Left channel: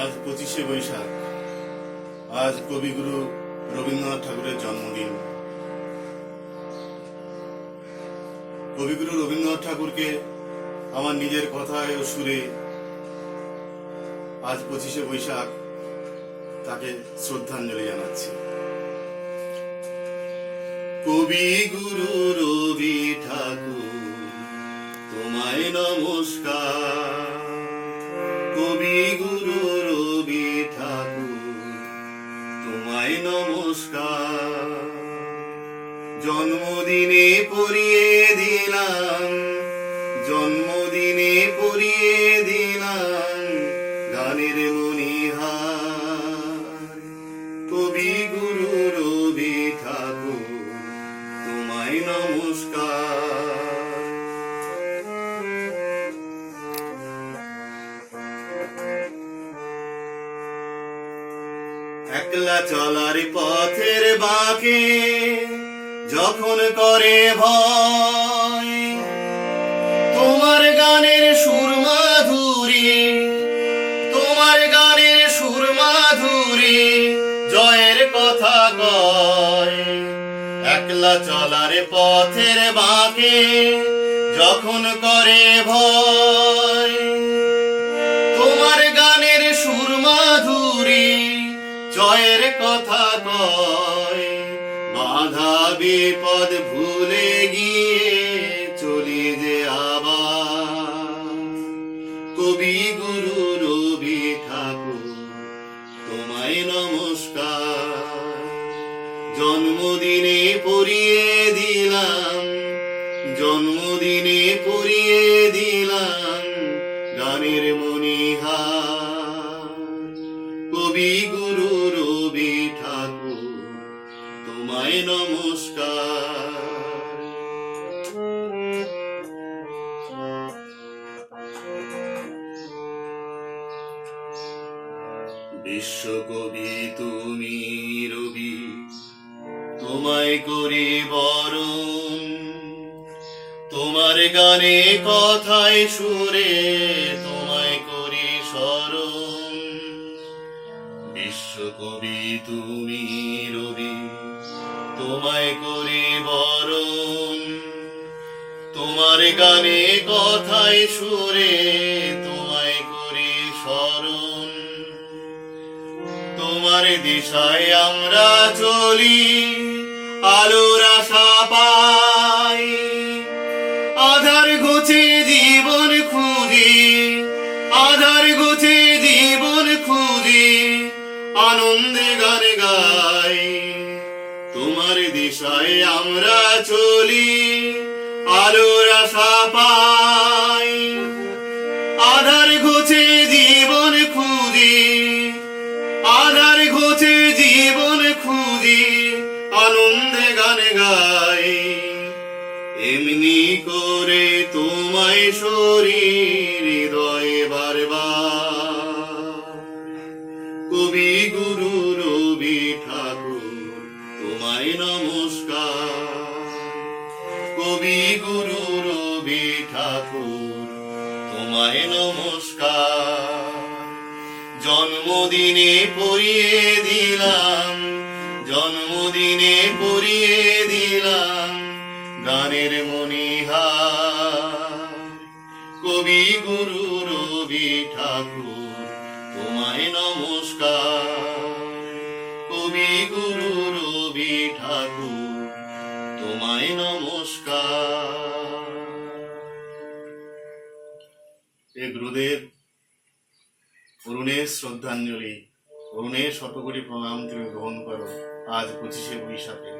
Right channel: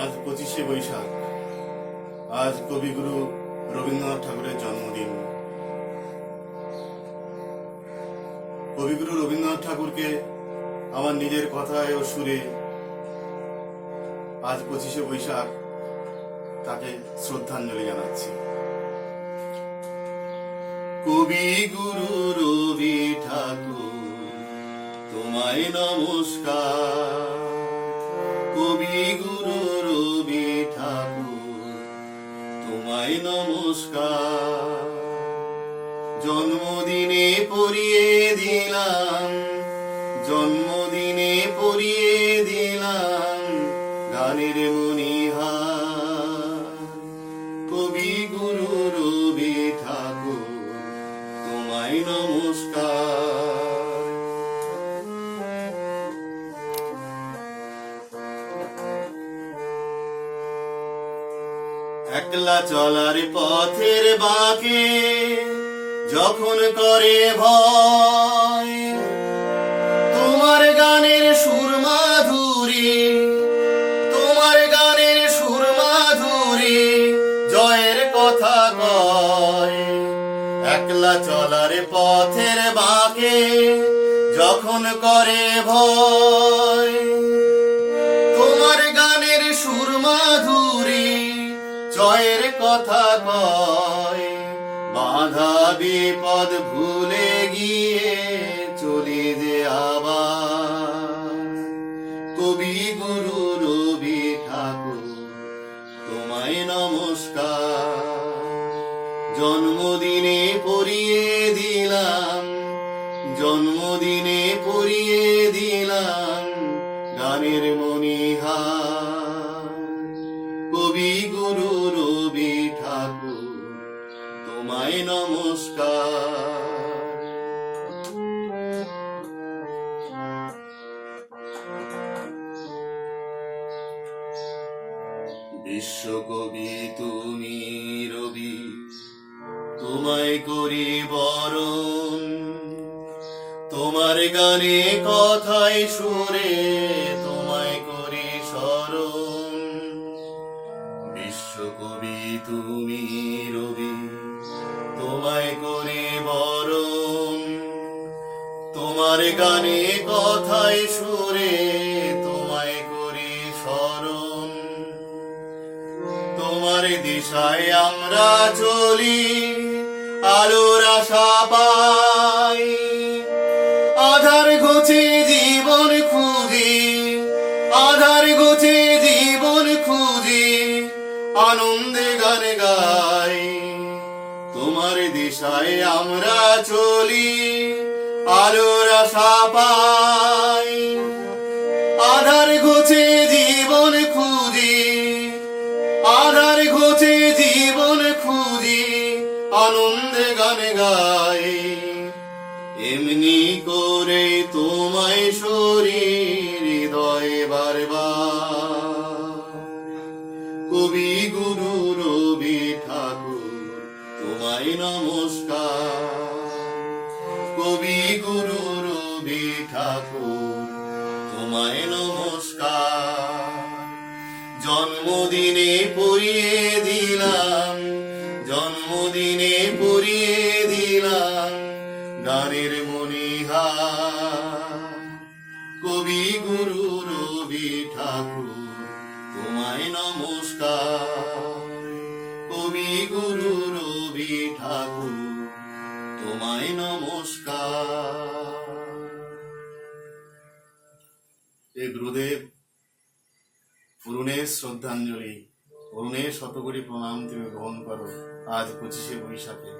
আজ 25শে বৈশাখ। আজ কবিগুরু রবীন্দ্রনাথ ঠাকুরের জন্মদিন। কবিগুরু রবীন্দ্রনাথ ঠাকুরকে আমার নিজের কথায় ও সুরে আজ 25শে বৈশাখ তাকে শ্রদ্ধাঞ্জলি জানাচ্ছি। কবিগুরু রবি ঠাকুর তোমায় নমস্কার। কবিগুরু রবি ঠাকুর তোমায় নমস্কার। জন্মদিনে পড়িয়ে দিলাম, জন্মদিনে পড়িয়ে দিলাম গানের মণিহার। কবিগুরু রবি ঠাকুর তোমায় নমস্কার। একলা চলার পথের বাঁকে যখন করে ভয়, তোমার গানের সুর মাধুরী, তোমার গানের সুর মাধুরী জয়ের কথা কয়। একলা চলার পথের বাঁকে যখন করে ভয়, তোমার গানের সুর মাধুরী জয়ের কথা কয়। বাধা বিপদ ভুলে গিয়ে চলি যে আবার। কবিগুরু রবি ঠাকুর তোমায় নমস্কার। জন্মদিনে পড়িয়ে দিলাম, জন্মদিনে পড়িয়ে দিলাম গানের মণিহার। কবিগুরু রবি ঠাকুর তোমায় নমস্কার। বিশ্বকবি তুমি রবি, তোমায় করি বরণ। তোমার গানে কথায় সুরে তোমায় করি স্মরণ। বিশ্বকবি তুমি রবি, তোমায় করি বরণ। তোমার গানে কথায় সুরে তোমায় করি স্মরণ। তোমার দিশায় আমরা চলি, আলোর আশা পাই। আধার ঘুচে জীবন খুঁজি, আধার ঘুচে জীবন খুঁজি আনন্দে গান গাই। তোমার দিশায় আমরা চলি, আলোর আশা পাই। আধার ঘুচে জীবন খুঁজি, আধার ঘুচে জীবন খুঁজি আনন্দে গান গাই। এমনি করে তোমায় শরীর হৃদয়ে বারবার। কবিগুরু রবি ঠাকুর তোমায় নমস্কার। কবিগুরু রবি ঠাকুর তোমায় নমস্কার। জন্মদিনে পড়িয়ে দিলাম, জন্মদিনে পড়িয়ে দিলাম গানের মণিহার। কবিগুরু রবি ঠাকুর তোমায় নমস্কার। কবিগুরু রবি ঠাকুর তোমায় নমস্কার। এ গুরুদেব, অরুণের শ্রদ্ধাঞ্জলি, অরুণের শতকোটি প্রণাম তুমি গ্রহণ করো আজ 25শে বৈশাখে।